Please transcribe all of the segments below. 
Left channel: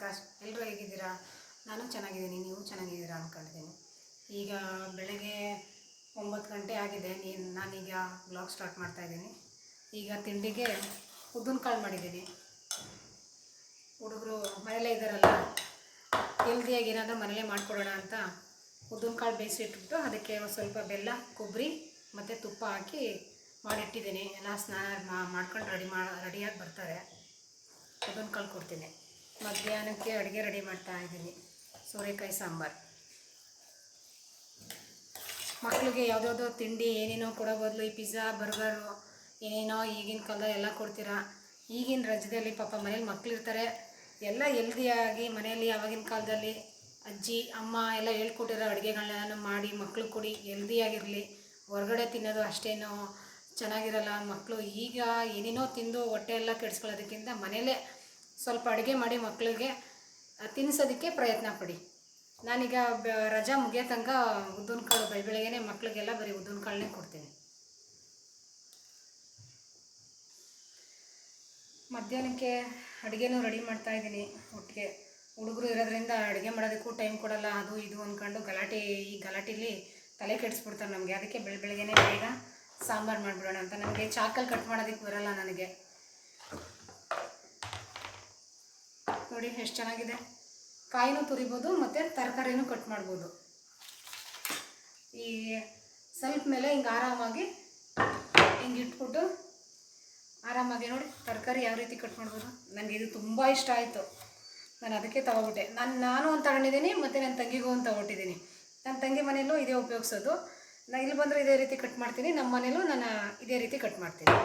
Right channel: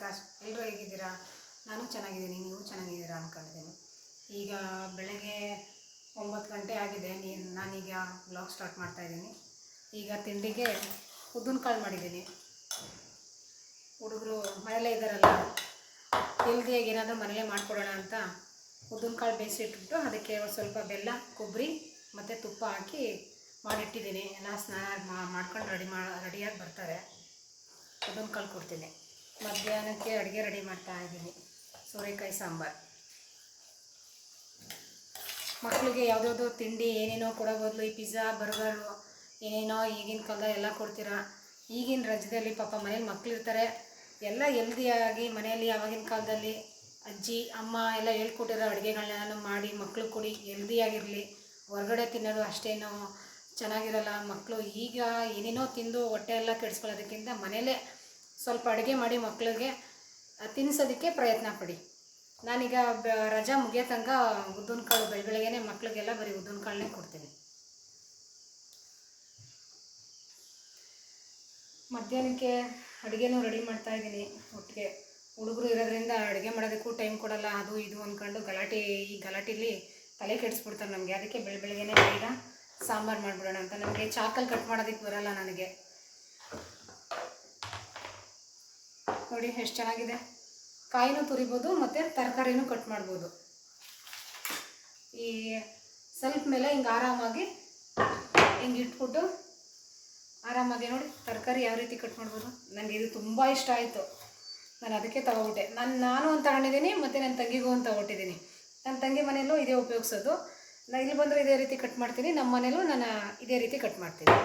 ಪ್ರಕಾಶ್ ಎಲ್ಲರೂ ಹೇಗಿದ್ದೀರಾ ನಾನು ಚೆನ್ನಾಗಿದ್ದೀನಿ, ನೀವು ಚೆನ್ನಾಗಿದ್ದೀರಾ ಅಂದ್ಕೊಂಡಿದ್ದೀನಿ ಈಗ ಬೆಳಗ್ಗೆ ಒಂಬತ್ತು ಗಂಟೆ ಆಗಿದೆ ನೀನು ನಾನೀಗ ಬ್ಲಾಗ್ ಸ್ಟಾರ್ಟ್ ಮಾಡ್ತಾ ಇದ್ದೀನಿ. ಈಗ ತಿಂಡಿಗೆ ಉದ್ದಿನಕಾಳು ಮಾಡಿದ್ದೀನಿ. ಹುಡುಗರು ಮನೇಲೇ ಇದ್ದಾರಲ್ಲ ಹೆಲ್ದಿಯಾಗಿ ಏನಾದರೂ ಮನೇಲೇ ಮಾಡಿಕೊಡೋಣ ಅಂತ ಉದ್ದಿನಕಾಳು ಬೇಯಿಸಿಟ್ಬಿಟ್ಟು ಅದಕ್ಕೆ ಸ್ವಲ್ಪ ಬೆಲ್ಲ, ಕೊಬ್ಬರಿ ಮತ್ತು ತುಪ್ಪ ಹಾಕಿ ಮಾಡಿಟ್ಟಿದ್ದೀನಿ. ಎಲ್ಲ ಸ್ನಾನ ಮಾಡ್ಕೊಂಡು ರೆಡಿ ಮಾ, ರೆಡಿಯಾಗಿ ಬರ್ತಾರೆ. ಉದ್ದಿನಕಾಳು ಕೊಡ್ತೀನಿ. ಮಧ್ಯಾಹ್ನಕ್ಕೆ ಅಡುಗೆ ರೆಡಿ ಮಾಡ್ತಾ ಇದ್ದೀನಿ. ಸೋರೆಕಾಯಿ ಸಾಂಬಾರು. ಮಕ್ಕಳಿಗೆ ಯಾವುದ್ಯಾವುದೋ ತಿಂಡಿ ಏನೇನೋ ಕೊಡೋ ಬದಲು ಈ ಪಿಜ್ಜಾ, ಬರ್ಗರು, ಏನೇನೋ ಈಗಿನ ಕಾಲದಲ್ಲಿ ಎಲ್ಲ ಕೊಡ್ತೀರಾ? ಈಗಿನ ರಜದಲ್ಲಿ ಪಾಪ ಮನೇಲಿ ಮಕ್ಕಳಿರ್ತಾರೆ ಎಲ್ಲ ಹೆಲ್ದಿಯಾಗಿ ಮನೆಯಲ್ಲಿ ಆವಾಗಿನ ಕಾಲದಲ್ಲಿ ಅಜ್ಜಿ, ಅಮ್ಮ ಎಲ್ಲ ಹೇಳ್ಕೊಟ್ಟಿರೋ ಅಡುಗೆಗಳನ್ನೆಲ್ಲ ಮಾಡಿ ಮಕ್ಕಳು ಕೊಡಿ ಹೆಲ್ದಿಯಾಗಿರಲಿ ಹೊರಗಡೆ ತಿನ್ನೋದು ಅಷ್ಟೇನು ಚೆನ್ನಾಗಿರಲ್ಲ. ಮಕ್ಕಳು ಈಗ ಏನೇನೋ ತಿಂದು ಹೊಟ್ಟೆ ಎಲ್ಲ ಕೆಡಿಸ್ಕೊಳ್ಳೋದಕ್ಕಿಂತ ಮನೇಲೇ ಸ್ವಲ್ಪ ಅಡುಗೆ ಮಾಡಿ ಮಕ್ಕಳಿಗೆ ತಿನ್ನಿಸೋದಕ್ಕೆ ಪ್ರಯತ್ನ ಪಡಿ. ನಾನೀಗ ಬ, ರಜಾ ಮುಗಿಯೋ ತನಕ ಉದ್ದಿನ ಕಾಳು ಬೆಳಗ್ಗೆ ಮಕ್ಕಳಿಗೆಲ್ಲ ಬರೀ ಉದ್ದಿನ ಕಾಳನ್ನೇ ಕೊಡ್ತೀನಿ. ಮಧ್ಯಾಹ್ನಕ್ಕೆ ಅಡುಗೆನೂ ರೆಡಿ ಮಾಡ್ತಾ ಇದ್ದೀನಿ ಒಟ್ಟಿಗೆ. ಹುಡುಗರು ಇರೋದ್ರಿಂದ ಅಡುಗೆ ಮಾಡೋದಕ್ಕೂ ಟೈಮ್ ಕೊಡಲ್ಲ, ಅದು ಇದು ಅಂದ್ಕೊಂಡು ಗಲಾಟೆ, ಈ ಗಲಾಟೆಲಿ ತಲೆ ಕೆಡಿಸ್ಬಿಡ್ತಾರೆ ನಮಗೆ. ಅದಕ್ಕೆ ಬೆಳ ಬೆಳಗ್ಗೆನೇ ಬೇಗ ಸಾಂಬಾರು ಮಾಡಿಬಿಡೋಣ ಅಂತ. ನನಗೆ ಚಾಕಲ್ಲಿ ಕಟ್ ಮಾಡೋದಕ್ಕೆ ಬರಲ್ಲ ನನಗೆ. ನೋಡಿ ಎಷ್ಟು ಚೆನ್ನಾಗಿದೆ. ಕಾಯಿನೂ ತುರಿಬೋದು, ಮತ್ತು ತರಕಾರಿನೂ ಕಟ್ ಮಾಡ್ಬೋದು. ಈ ಸ್ವಲ್ಪ ಮೇಲೆ ಹಿಂಗೆ ಆರಾಮಾಗಿ ಹಿಂಗೆ ಇಟ್ಬಿಟ್ಟು ಆರಾಮಾಗಿ ನೋಡಿ ತರಕಾರಿ ಯಾವ ರೀತಿ ಕಟ್ ಮಾಡ್ಬೋದು. ನನಗೆ ಇದು ತುಂಬ ಇಷ್ಟ ಆಯಿತು. ನಾನು ಅದಕ್ಕೆ ತಗೊಬಿಟ್ಟೆ. ನಾನು ನಾನು ಒಂದು ತಗೊಂಡಿದ್ದೀನಿ, ಮತ್ತು ನನ್ನ ತಂಗಿಗೂ ಒಂದು ತಗೊಟ್ಟಿದ್ದೀನಿ. ನನ್ನ ತಂಗಿ ಮನೆಯಲ್ಲೂ ಇದೇ ಉಪಯೋಗಿಸೋದು. ನಾನು ಇಲ್ಲಿ ಬಂದರೂ ಇದೇ ರೀತಿ ಕಟ್ ಮಾಡ್ತೀನಿ ನಮ್ಮ ಮನೇಲೂ ನಾನು ಇದೇ ರೀತಿ ಕಟ್ ಮಾಡ್ತೀನಿ.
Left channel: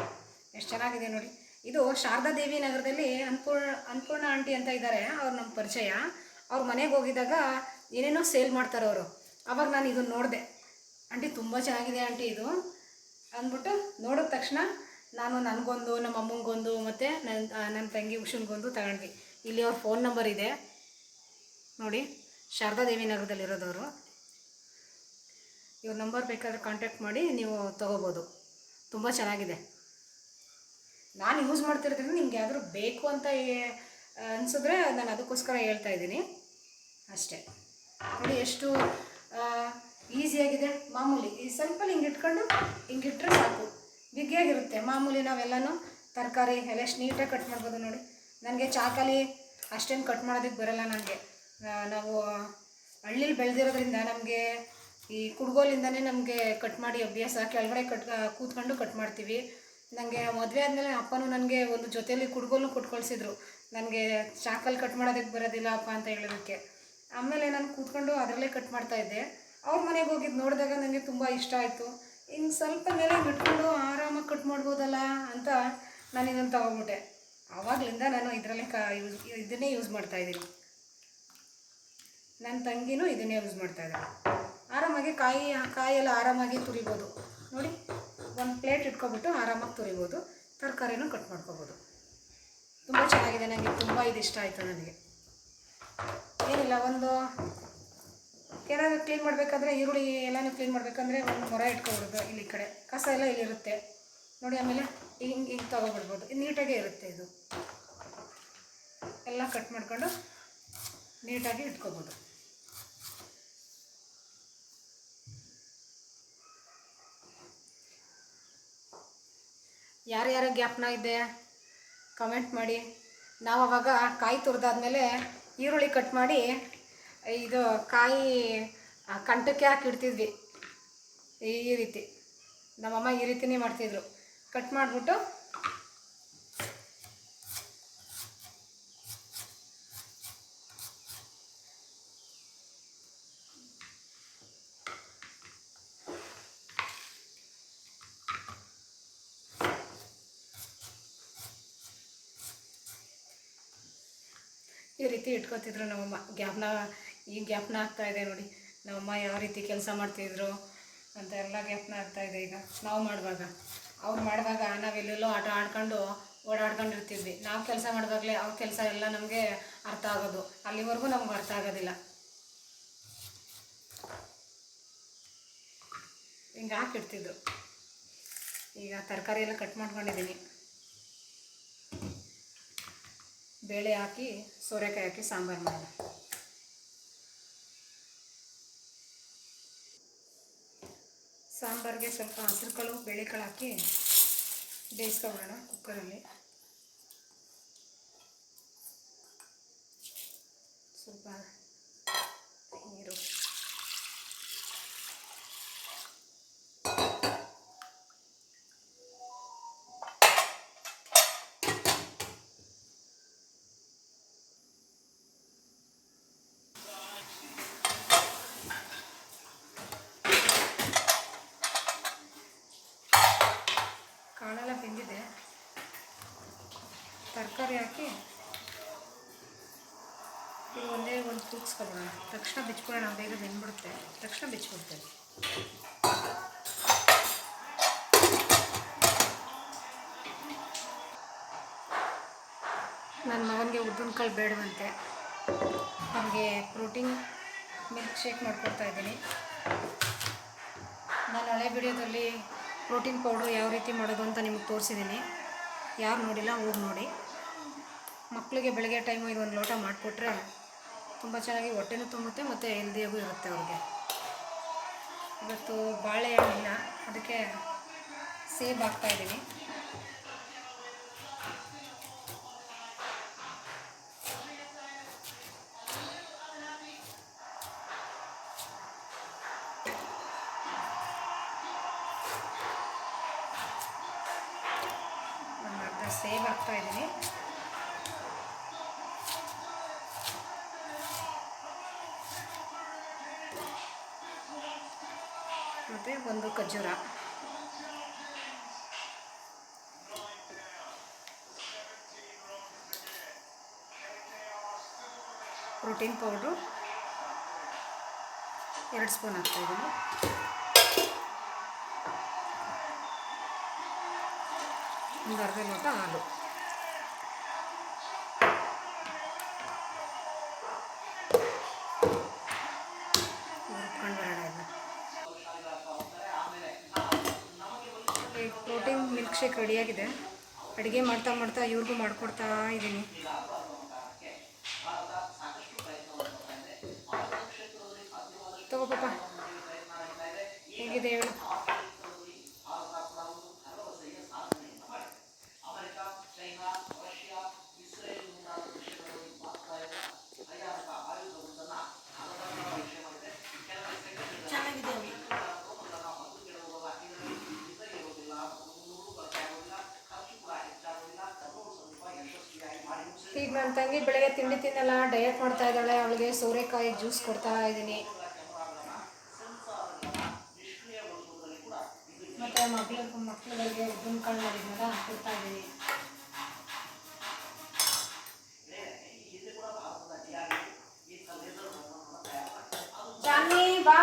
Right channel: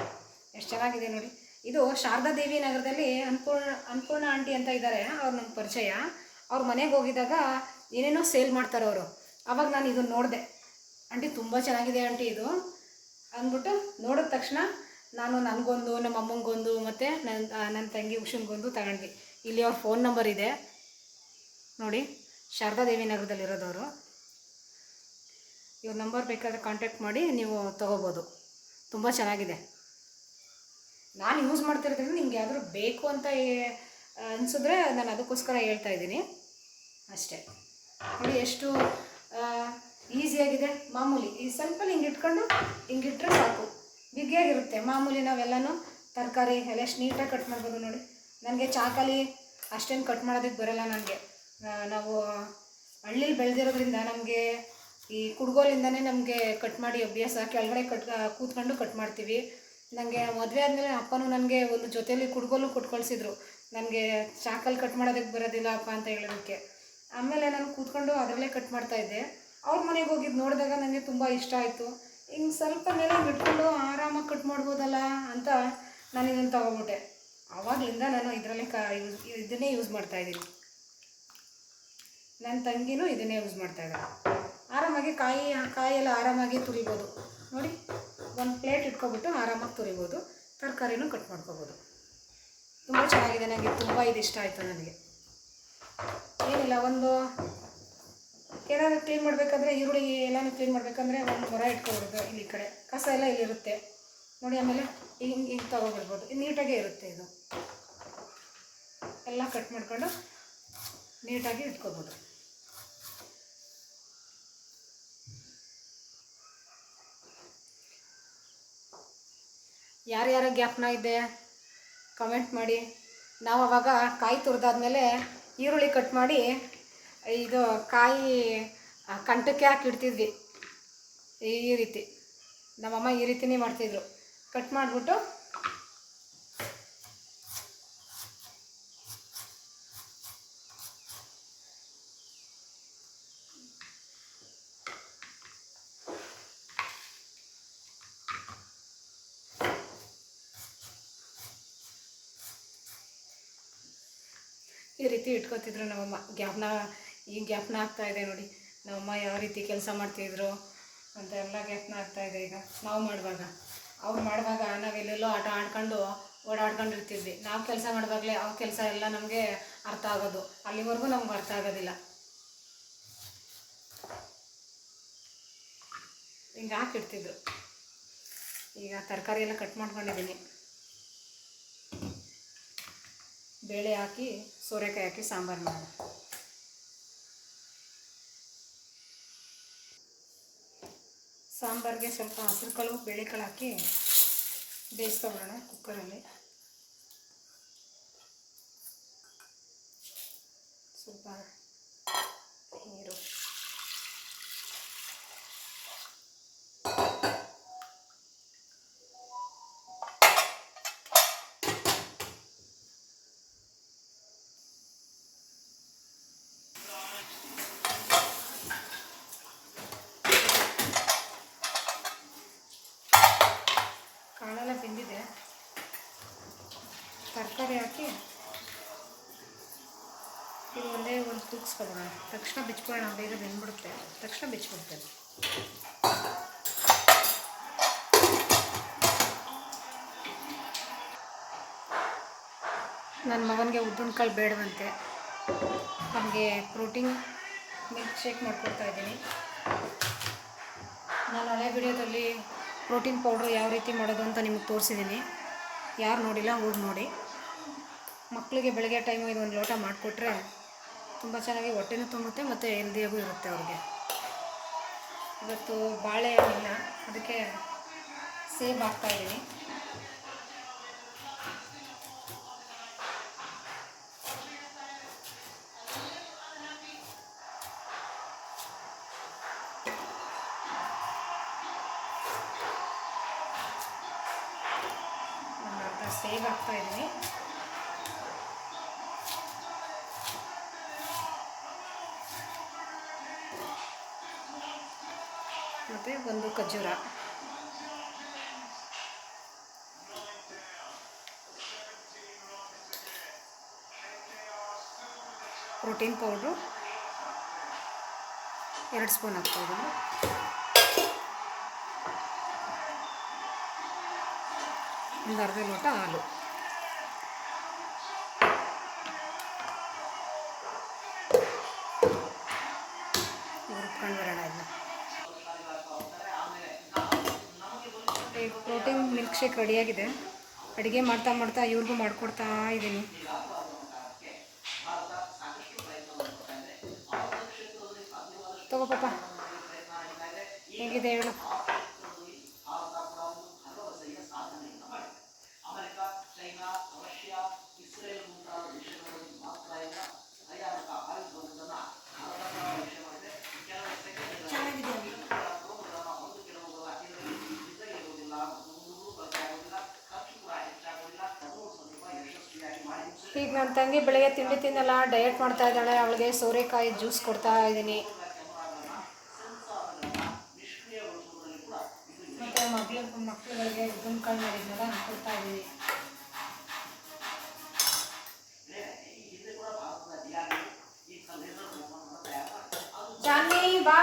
ಎಷ್ಟು ಚೆನ್ನಾಗಿದೆ ನೋಡಿ. ಇದು ಶಾರದಾ ದೇವಿ ನಗರದಲ್ಲಿ ಅನ್ಪೂರ್ಣ ಅನ್ಪೂರ್ಣ ಆಂಟಿ ಅಂತ ಇದ್ದಾರೆ ಅವ್ರು ನಮ್ಮ ಪರಿಚಯ. ಅವ್ರ ಮನೆಗೆ ಹೋಗಿದ್ದಾಗ ಏನೇನೋ ಸೇಲ್ ಮಾಡ್ತಾರೆ ಅವರು. ಅವಾಗ ನಾನು ಇದನ್ನು ನೋಡಿದೆ. ಆಂಟಿ ತುಂಬ ಚೆನ್ನಾಗಿದೆ ಆಂಟಿ ಇದು. ಅಂದ್ಬಿಟ್ಟು ನೋಡಿದ ತಕ್ಷಣ ನಾನು ನನಗೊಂದು ನಮ್ಮ ಅಮ್ಮಂಗೊಂದು ಮತ್ತು ನನ್ನ ನನ್ನ ತಂಗಿ ಉಷನ್ಗೊಂದು ತಗೊಂಡ್ವಿ. ಇಲ್ಲಿ ಅವ್ರ ಫೋನ್ ನಂಬರ್ ಇದೆ. ನೋಡಿ, ಶಾರದಾ ದೇವಿ ನಗರದಲ್ಲಿರೋದವರು ಇವ್ರ ನಂಬರ್ ಬೇಕಾದ್ರೆ ಕಾಂಟ್ಯಾಕ್ಟ್ ಮಾಡಿ ನೀವು ತೊಗೋಬೋದು. ತುಂಬ ಚೆನ್ನಾಗಿದೆ. ನಾನು ಯೂಸ್ ಮಾಡ್ತಿರ್ತೀನಿ ನಿಮ್ಗೆ ಯಾವ್ದಾದ್ರು ಬೇಕು ಅಂತ ಅನಿಸಿದ್ರೆ ನಾನು ಅದಕ್ಕೋಸ್ಕರ ಹೇಳ್ತಾ ಇದ್ದೀನಿ. ಅಷ್ಟೇ. ನೋಡಿ ಎಷ್ಟು ಈಸಿಯಾಗಿದೆ ಮಾಮೂಲಿ ಈ ಸ್ವಲ್ಪ ಹಿಂಗೆ ಇಟ್ಕೊಂಡು ಹಿಂಗೆ ಇಟ್ಟರೆ ಸಾಕು. ಬಿಗಿಯಾಗಿರುತ್ತೆ ಮಾಮೂಲಿ ನಾವೆಲ್ಲನೂ ತರಕಾರಿ ಎಲ್ಲ ಎಷ್ಟು ನೀಟಾಗಿ ಕಟ್ ಮಾಡ್ಬೋದು ನೋಡಿ. ನನಗೆ ಚಾಕಲಿ ಅಷ್ಟೇನು ಕಟ್ ಮಾಡೋದಕ್ಕೆ ಬರೋಲ್ಲ ನನಗೆ. ನಾವು ಹಳ್ಳಿಲಿ ಬೆಳೆದಿರೋದ್ರಿಂದ ನಮಗೆ ಈ ಕುಡ್ಗೋಲಿಂದನೇ ನಮಗೆ ಕಟ್ ಮಾಡಿ ಅಭ್ಯಾಸ, ಕೆಳಗಡೆ ಕಟ್ ಕೂತ್ಕೊಂಡು ಕಟ್ ಮಾಡ್ತೀವಿ. ನನಗೆ ಮದುವೆ ಆದಮೇಲೆ ಅಪ್ಪನೂ ನನಗೆ ಒಂದು ಜೊತೆಯಲ್ಲಿ ಕುಡ್ಗೋಲು ಕೊಟ್ಟು ಕಳಿಸಿದ್ರು ನನಗೆ ಚಾಕಲ್ಲಿ ಕಟ್ ಮಾಡೋದಕ್ಕೆ ಬರೋದಿಲ್ಲ ಅಪ್ಪ ಅಂತ ಹೇಳೋದಕ್ಕೆ. ಆಮೇಲೆ ನಾನು ಕೂತ್ಕೊಂಡು ಅದರಲ್ಲೇ ಕಟ್ ಮಾಡ್ತಾ ಇದ್ದೆ. ಅವ್ರ ಮನೆಗೆ ಹೋಗಿದ್ದು ನೋಡಿದಾಗ ನನಗೆ ತುಂಬ ಇಷ್ಟ ಆಯಿತು. ಹಿಂಗೆ ಸ್ವಲ್ಪ ಮೇಲೆ ಇಟ್ಕೊಂಡು ಆರಾಮಾಗಿ ಕಟ್ ಮಾಡ್ಬೋದಲ್ಲ ಅಂತ ನಾನು ಇದನ್ನು ತಗೊಬಿಟ್ಟೆ. ಆವಾಗಲಿಂದ ನಾನು ಇದರಲ್ಲೇ ಕ ಯೂಸ್ ಇದನ್ನೇ ಯೂಸ್ ಮಾಡ್ತಾ ಇದ್ದೀನಿ. ನನ್ನ ತಂಗಿನೂ ಇದನ್ನೇ ಯೂಸ್ ಮಾಡ್ತಾ ಇದ್ದಾರೆ ಆರಾಮಾಗಿ ಕಾಯಿ ಕಾಯೆಲ್ಲ ಆರಾಮಾಗಿ ತುರಿಬೋದು ನೋಡಿ. ಒಂದು ಪ್ಲೇಟ್ ಇಟ್ಕೊಬಿಟ್ಟು ಆರಾಮಾಗಿ ತುರಿಬೋದು. ತರಕಾರಿನೂ ಕಟ್ ಮಾಡ್ಕೊಬೋದು. ತುಂಬ ಚೆನ್ನಾಗಿದೆ ನನಗೆ ತುಂಬ ಇದು ಇಷ್ಟ ಆಯಿತು ನನಗೆ. ಏನಿಲ್ಲ, ಒಂದು ಏನಾದರೂ ಕ್ಲೀನ್ ಮಾಡಬೇಕಾದ್ರೆ ಈರುಳ್ಳಿ ಎಲ್ಲನೂ ಕ್ಲೀನ್ ಮಾಡಬೇಕಂದ್ರೆ ಒಂದು ಮೊರ ಇಟ್ಕೊಬಿಡೋದು ಇಲ್ಲಿ ಕಡೆ. ಕಸ ಎಲ್ಲ ಇಲ್ಲಿರುತ್ತೆ. ನೋಡಿ ಆಮೇಲೆ ಹಿಂಗೆ ಹಿಂಗೆ ತೊಗೊಬಿಡ್ಬೋದು. ನೀಟಾಗೇ ಇರುತ್ತೆ ಇದು. ಎಲ್ಲ ಕಟ್ ಮಾಡ್ಕೊಂಡು ನೀಟಾಗಿ ಇಟ್ಕೊಬೋದು. ಯಾರ್ಯಾರ ಗ್ಯಾಪ್ನ ಇದೆ ಕಮೆಂಟ್ ಮಾಡಿ. ನಾವು ಅವಾಗ ಕಾಯಿ ತುರಿದಾದ್ಮೇಲೆ ಈರುಳ್ಳಿ ಕಟ್ ಮಾಡಿ, ಇದು ಕಾಯಿ ಕಂಟಕ್ಕೆ ಹಾಕಿಡ್ತಿದ್ವಿ ಈ ರೀತಿ. ನಮ್ಮಮ್ಮ ಈ ರೀತಿನೇ ಮಾಡ್ತಿದ್ರು. ಕಟ್ ಮಾಡಿಬಿಟ್ಟು ಈ ರೀತಿ ಇಟ್ಕೋತಿದ್ರು ನಮ್ಮಮ್ಮ. ಜ್ಞಾಪನ ಈ ಜ್ಞಾಪನ ಆಗ್ತಾ ಇದೆ ನೋಡಿ. ನಮ್ಮಮ್ಮ ಯಾವ ರೀತಿ ಕೆಲಸ ಮಾಡ್ತಿದ್ರು ಅಂತ ಎಲ್ಲ ಜ್ಞಾಪನ ಆಗ್ತಾ ಇದೆ ಈಗ. ನಾವು ಮಾಡುವಾಗ. ಅವ್ರು ಮಾಡುವಾಗ ನಾವೆಲ್ಲೆಲ್ಲೋ ಆಟ ಆಡ್ಕೊಂಡು ಓಡಾಡ್ಕೊಂಡಿರ್ತಿದ್ವಿ. ನಾವು ಕೆಲಸ ಮಾಡುವಾಗಲೇ ಅವ್ರ ಕೆಲಸ ಎಲ್ಲ ನಮಗೆ ಅರ್ಥ ಆಗೋದು. ಅಲ್ಲಿವರೆಗೂ ನಮ್ಗೆ ಅರ್ಥ ಆಗೋದಿಲ್ಲ. ಹಿಂಗೆ ಹಾಕಿಡ್ತಿದ್ರು ಈಗ ತರಕಾರಿ ಎಲ್ಲ ಕಟ್ ಮಾಡ್ಕೊಂಡಿದ್ದೀನಿ ಬೇಳೆ ಹಾಕಿ ಸೋರೆಕಾಯಿ ಹಾಕಿ ಸಾಂಬಾರು ಮಾಡೋಣ ಸಾಂಬಾರಿಗೆ ಸ್ವಲ್ಪ ಹಸಿರು ಕಾಳು ಬೇಳೆಕಾಳು ಹಾಕಿ ಬೇಯಿಸ್ಕೊಬಿಡೋಣ ಕುಕ್ಕರಲ್ಲಿ. ಸ್ವಲ್ಪ ತರಕಾರಿ ಹಾಕಿ ಇದು ಒಂದೇ ಒಂದು ಕೂಗಿಸ್ಕೊಬೋಣ ತಕ್ಷಣ ಬಿಚ್ಕೊಳ್ಳೋಣ ಬೇಗ ಬೆಂದ್ಬಿಡುತ್ತೆ. ತಕ್ಷಣ ಬಿಚ್ಕೊಡ್ತೇನೆ. ನನ್ನ ಮಗನಿಗೆ ಉದ್ದಿನಕಾಳು ಬೇಡವಂತೆ. ಅವನಿಗೆ ಪ್ರೋಟೀನ್ ಮಿಲ್ಕ್ ಶೇಕ್ ಮಾಡಿಕೊಡ್ತಾ ಇದ್ದೀನಿ. ನಾನು ಹಳೆ ವಿಡಿಯೋದಲ್ಲಿ ಪ್ರೋಟೀನ್ ಪೌಡ್ರ್ ಯಾವ ರೀತಿ ಮಾಡೋದು ಅಂತ ನಿಮಗೆ ತೋರಿಸಿದ್ದೀನಿ. ಯಾರು ನೋಡಿಲ್ಲ, ಹೋಗಿ ನೋಡಿ. ಮಕ್ಕಳಿಗೆ ಬೆಳಗ್ಗೆ ಟೈಮು ಒಂದು ಲೋಟ ಮಾಡಿಕೊಟ್ರೆ ತುಂಬ ಚೆನ್ನಾಗಿ ಹೊಟ್ಟೆನೂ ತುಂಬುತ್ತೆ ಮತ್ತು ಹೆಲ್ದಿಯಾಗೂ ಇರುತ್ತೆ ಅವ್ರಿಗೆ. ಇವತ್ತು ಬಾಳೆಹಣ್ಣಿನ ಅದಕ್ಕೆ ಸೇಬ್ ಹಾಕ್ತಾಯಿದ್ದೀನಿ ಒಂದು ಖರ್ಜೂರ. Protein powder. ಎರಡು ಸ್ಪೂನ್ ಹಾಕ್ತಾಯಿದ್ದೀನಿ ಒಂದು ಅರ್ಧ ಲೋಟ ಹಾಲು. ಶೇಕ್ ರೆಡಿಯಾಗಿದೆ. ಅಡುಗೆ ಮಾಡ್ತಾ ಮಾಡ್ತಾ ಇವ್ರಿಗೂ ಮಾಡಿಕೊಡ್ತಾ ಇದ್ದೀನಿ. ತಗೋ ಪಾಪ. ಹೇಗಿದೆ ಹೇಳು ಈಗ ನನ್ನ ತಂಗಿ ಬೆಳಗ್ಗೆ ತಿಂಡಿ ತಿನ್ನಲ್ಲ ಡಯಟ್ ಮಾಡ್ತಾ ಇದ್ದಾಳೆ. ಅವಳಿಗೆ ಸೋರೆಕಾಯಿ ಜ್ಯೂಸ್ ಕೊಡ್ತಾ ಇದ್ದೀನಿ. ಮತ್ತು ಮಕ್ಳು ಮಕ್ಳುಗಳಿಗೆ ಉದ್ದಿನಕಾಳು ಮಾಡಿದ್ನಲ್ಲ ಕೊಡ್ತಾ ಇದ್ದೀನಿ. ಜಾನ್ವಿ ಬಾ.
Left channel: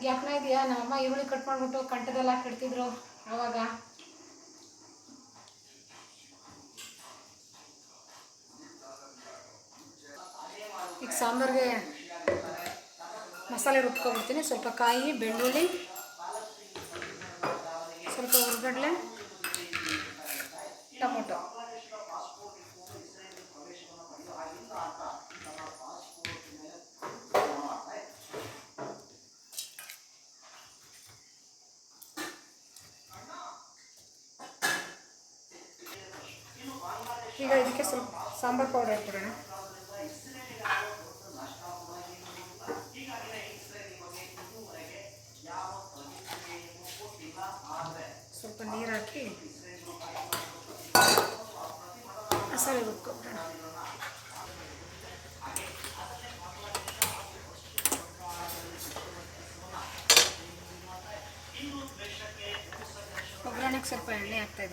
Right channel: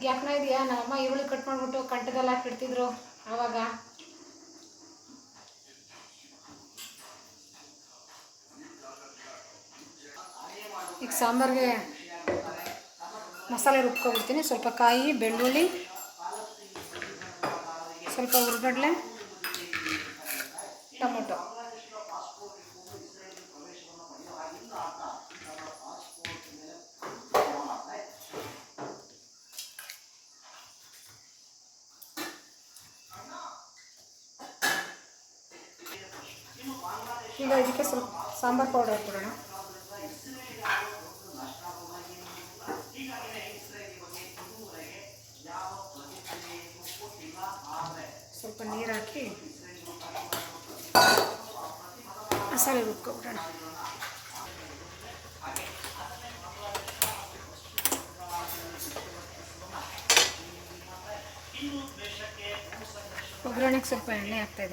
ಜ್ಞಾಪನ ಇದೆಯಾ? ನಮ್ಮಮ್ಮ ಇವಳು ಕಟ್ ಮಾಡಿಬಿಟ್ಟು ಕಂಠದಲ್ಲಿ ಹಾಕಿಡ್ತಿದ್ರು ಆವಾಗ. ಈಗ ಸಾಂಬಾರಿಗೆ ಮಸಾಲೆ ರುಬ್ಕೊಬಿಡ್ತೀನಿ. ಸ್ವಲ್ಪ ಕಾಯಿ, ಬೆಳ್ಳುಳ್ಳಿ, ಸ್ವಲ್ಪ ಹುರ್ಗಡ್ಲೆ ಈಗ ಇದಕ್ಕೆ ಸ್ವಲ್ಪ ಸಾಂಬಾರು ಪೌಡರ್ ಹಾಕ್ಬಿಡೋಣ. ಸ್ವಲ್ಪ ನೀರು ಹಾಕಿ ಮಸಾಲೆ ರುಬ್ಕೊಬಿಡೋಣ ಒಗ್ಗರಣೆಗೆ ಸ್ವಲ್ಪ ಎಣ್ಣೆ ಹಾಕ್ತಾ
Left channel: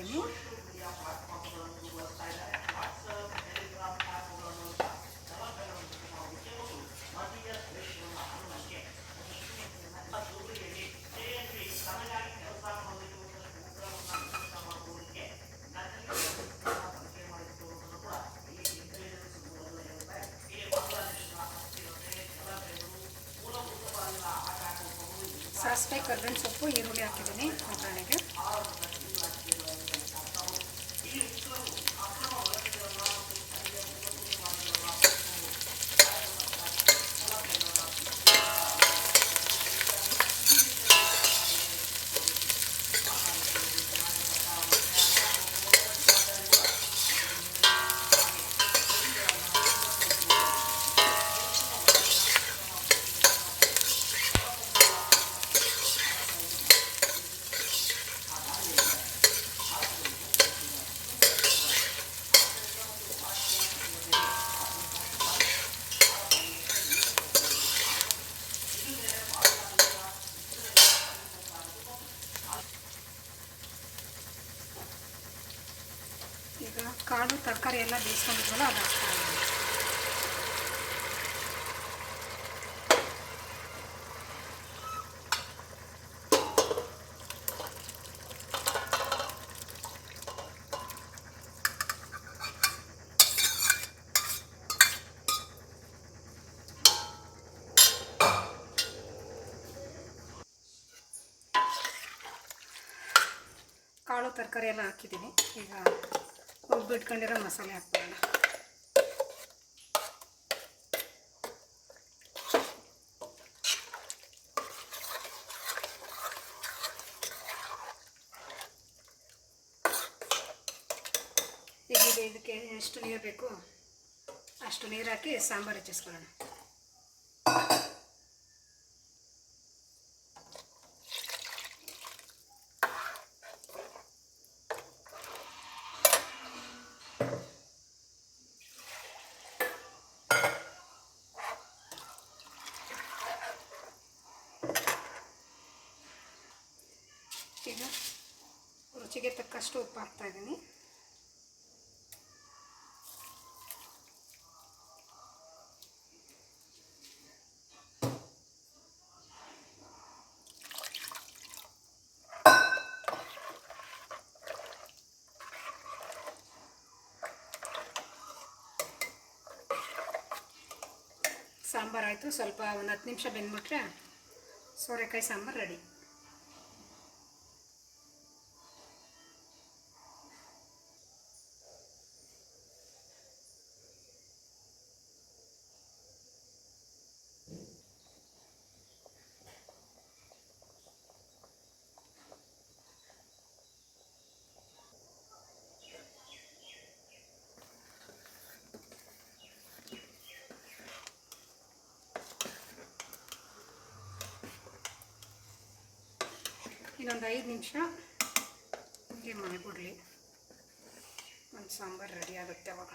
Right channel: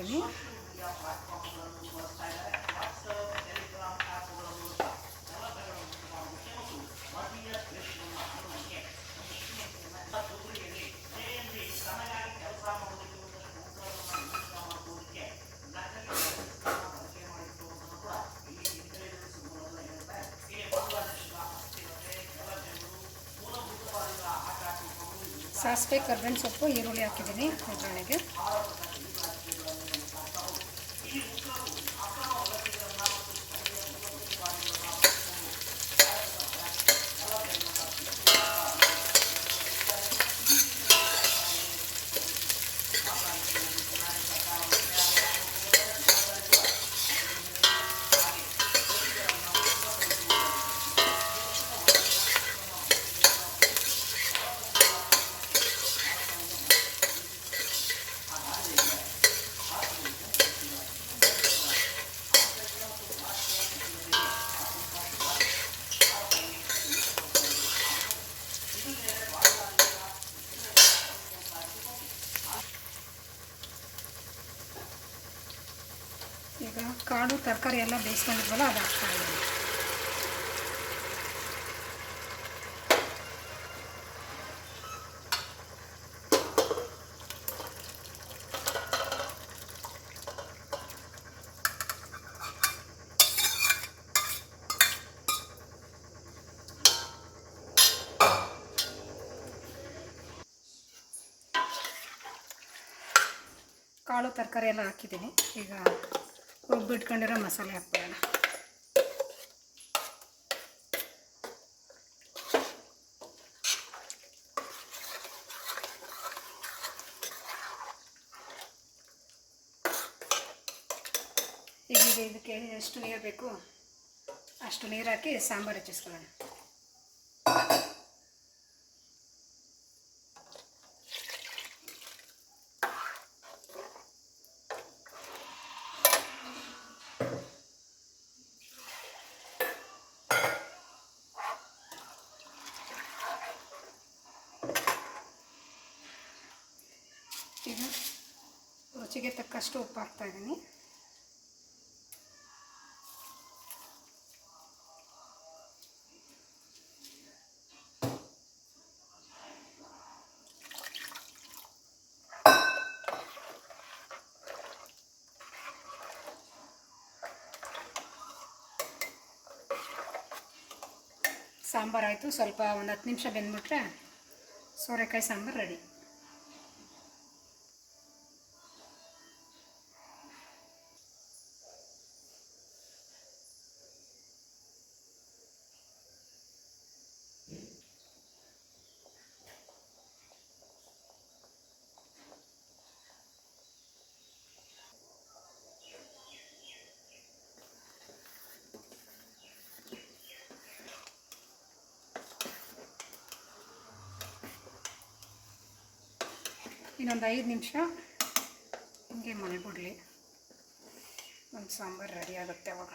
ಸಾಸಿವೆ ಕರ್ಬೇವಿನ ಸೊಪ್ಪು ಈರುಳ್ಳಿ ಹಾಕಿದ್ದೀನಿ ಒಗ್ಗರಣೆಗೆ ಕಾಳು ತರಕಾರಿ ಎಲ್ಲ ಬೇಯಿಸ್ಕೊಂಡಿದ್ವಲ್ಲ ಅದು ಹಾಕ್ತಾ ಇದ್ದೀನಿ. ಕಾಳು ತರಕಾರಿ ಎಲ್ಲ ಹಾಕಿದ್ದೀನಿ. ಈಗ ರುಬ್ಬಿಟ್ಕೊಂಡಿರೋ ಮಸಾಲೆ ಹಾಕ್ಕೊಳ್ಳೋಣ ಈಗ ಇದು ಇದಕ್ಕೆ ಎಷ್ಟು ನೀರು ಬೇಕು? ಅಷ್ಟು ನೀರು ಹಾಕಿ ಸಾಂಬಾರು ಹೆಚ್ಚಿಸ್ಕೊಳ್ಳೋಣ ಈಗ ರುಚಿಗೆ ತಕ್ಕಷ್ಟು ಉಪ್ಪು ಹಾಕ್ತಾ ಇದ್ದೀನಿ. ಸಾಂಬಾರು ಆಯಿತು. ಸ್ವಲ್ಪ ಒಂದು ಹತ್ತು ನಿಮಿಷ ಬೆಂದ್ಬಿಟ್ರೆ ಸೋರೆಕಾಯಿ ಸಾಂಬಾರು ರೆಡಿ. ಇನ್ನೊಂದು ಐದು ನಿಮಿಷ ಹಿಂಗೆ ಮಾಡಿಬಿಡ್ಲಿ ಒಂದು ಸಾಂಬಾರು ರೆಡಿ ಆಗುತ್ತೆ ಅವಾಗ.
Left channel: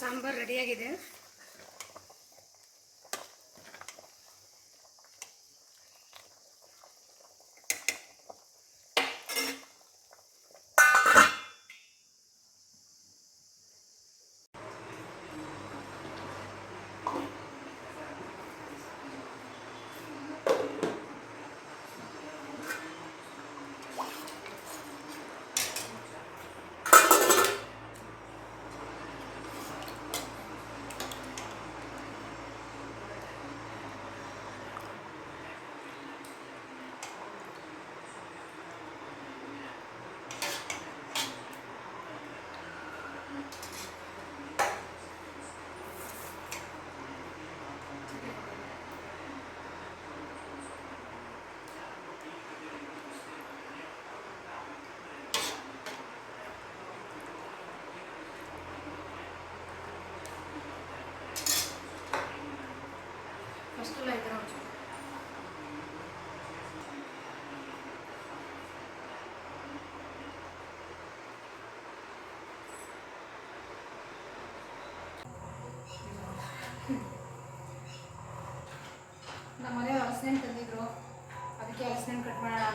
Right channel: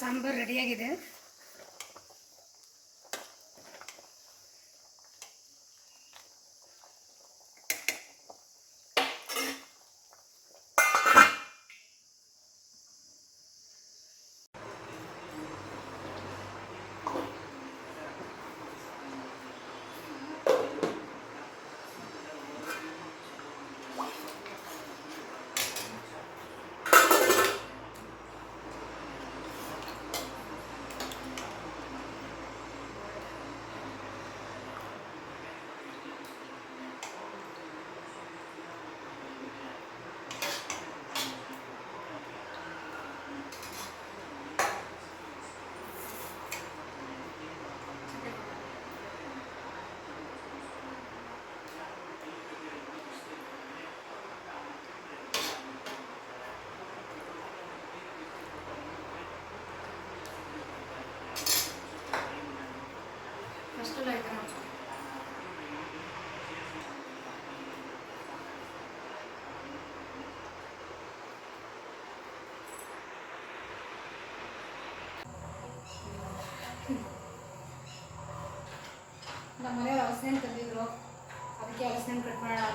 ಸಾಂಬಾರು ರೆಡಿಯಾಗಿದೆ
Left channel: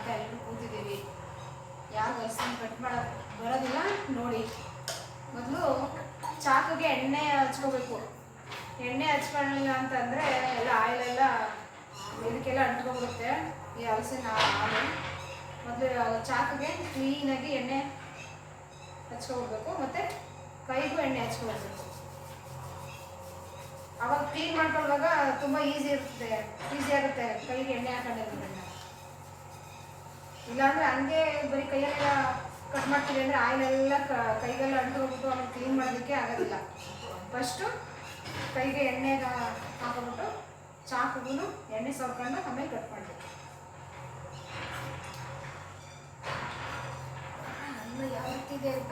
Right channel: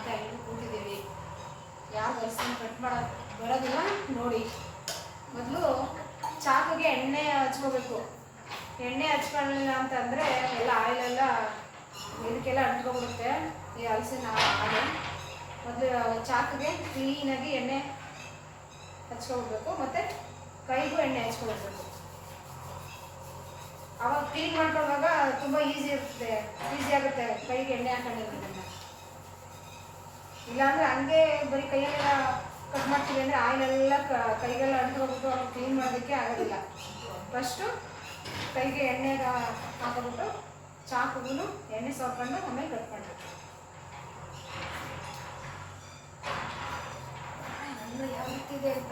ಅಂತ ಎಲ್ಲರೂ ಕೂತಿದ್ದೀವಿ. ಯಾರು ಹಲಸಿನ ಕಟ್ ಮಾಡ ಬರೋದಿಲ್ಲ? ನೋಡಿ. ಮೊದಲು ಚಾಕಿಗೆ ಎಣ್ಣೆ ಹಚ್ಕೋಬೇಕು. ಎಣ್ಣೆ ಹಚ್ಕೊಳ್ಳಿಲ್ಲ ಅಂತಂದರೆ ಎಲ್ಲ ಆಯಿಲೆಲ್ಲ ಇದಕ್ಕೆಲ್ಲ ಅಂಟ್ಕೊಂಡ್ಬಿಡುತ್ತೆ. ಈ ಹಲಸಿನ ಹಾಲು. ಮೊದಲು ಚಾಕಿಗೆ ಕ್ಲೀನಾಗಿ ಎಣ್ಣೆ ಹಚ್ಕೊಬೇಕು ಮತ್ತು ಕೈಗೂ ಎಣ್ಣೆ ಹಚ್ಕೊಬಿಡ್ಬೇಕು ಅವಾಗ ಕ್ಲೀನ್ ಮಾಡ್ಕೊಳ್ಳುವಾಗ ತುಂಬ ಈಸಿ ಇರುತ್ತೆ. ಈಸಿ ಆಗುತ್ತೆ ಕೈಗೆ ಎಣ್ಣೆ ಹಾಕೊಂಡಿರೋದ್ರಿಂದ. ಇಲ್ಲಾಂದ್ರೆ ಹಂಗೆ ಬರೀ ಕೈಯಲ್ಲೆಲ್ಲ ಕಟ್ ಮಾಡ್ತೀವಿ ಅಂದರೆ ಆಯಿಲೆಲ್ಲ ಕೈಗೆಲ್ಲ ಅಂಟು ಹೋಗ್ಬಿಟ್ಟು ಅವ್ನು ಕ್ಲೀನ್ ಮಾಡೋದಕ್ಕೆ ಆಗೋದಿಲ್ಲ. ಫಸ್ಟು ಕೈಗೆ ಎಣ್ಣೆಗೆ ಹಾಕೋಬಿಟ್ಟು ಚಾಕುಗೂ ಎಣ್ಣೆ ಸವರ್ಕೊಂಡು ಆಮೇಲೆ ಕಟ್ ಮಾಡಬೇಕು. ಯಾವ ರೀತಿ ಇದೆ ಅಂತ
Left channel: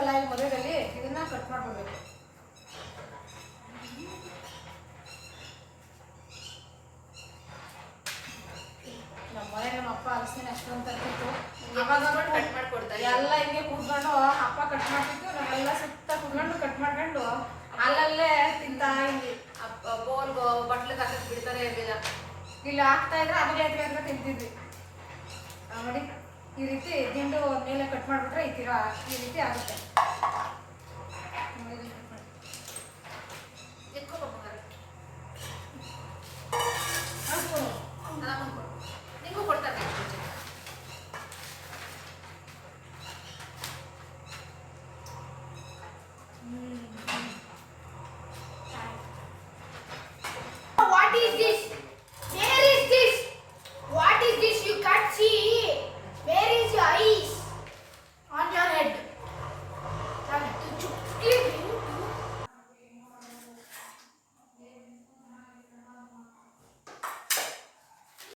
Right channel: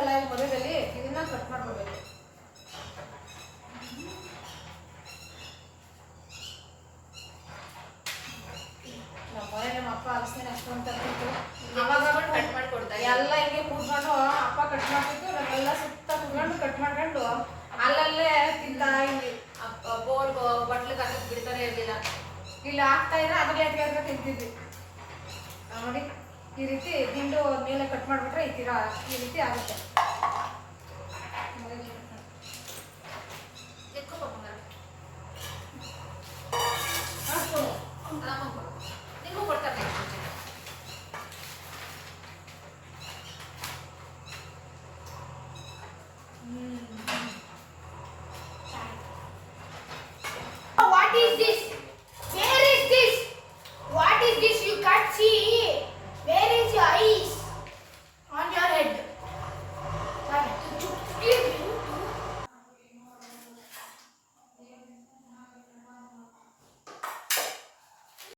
ಇರುತ್ತಲ್ಲ ಈ ಮದುವೆಯಲ್ಲಿ ಇದನ್ನ ಕಟ್ ಮಾಡ್ಕೊಡ್ಬೇಕು ನಮ್ಮ ಮನೆ ನಮ್ಮ ಅಪ್ಪ ಅಲಸಿನ ಅಷ್ಟೊಂದು ಕಟ್ ಮಾಡ್ಕೊಡ್ತಾ ಇದ್ರು. ಎಲ್ಲ ಹಿಂಗೆ ಕೂತ್ಕೊಂಡು ಅಪ್ಪ ಕಟ್ ಮಾಡ್ತಿತ್ತು ನಾವೆಲ್ಲ ಸುತ್ತ ಕೂತ್ಕೊಂಡು ಕಟ್ ಮಾಡ್ಕೊಂಡು ಅಲ್ಲಲ್ಲೇ ತಿಂತಾ ಇಲ್ಲಿ ಬೋಲ್ ಬಟ್ಲಿಗೆ ಹಾಕಕ್ ಬಿಡ್ತಾನೆ ಇರ್ಲಿಲ್ಲ. ಇಲ್ಲಿ ಹಾಕ್ತಾ ಇದ್ರೆ ಅದ್ರಲ್ಲಿ ಎದ್ಗೆ ಎದ್ಗೆ ತಿಂತಿದ್ವಿ. ನೋಡಿ ಈ ರೀತಿ ದಿಂಡು ಮೇಲೆ ಕಟ್ ಮಾಡಿಬಿಟ್ರೆ ಈ ತೀರ ಈ ರೀತಿ ಆಗುತ್ತೆ.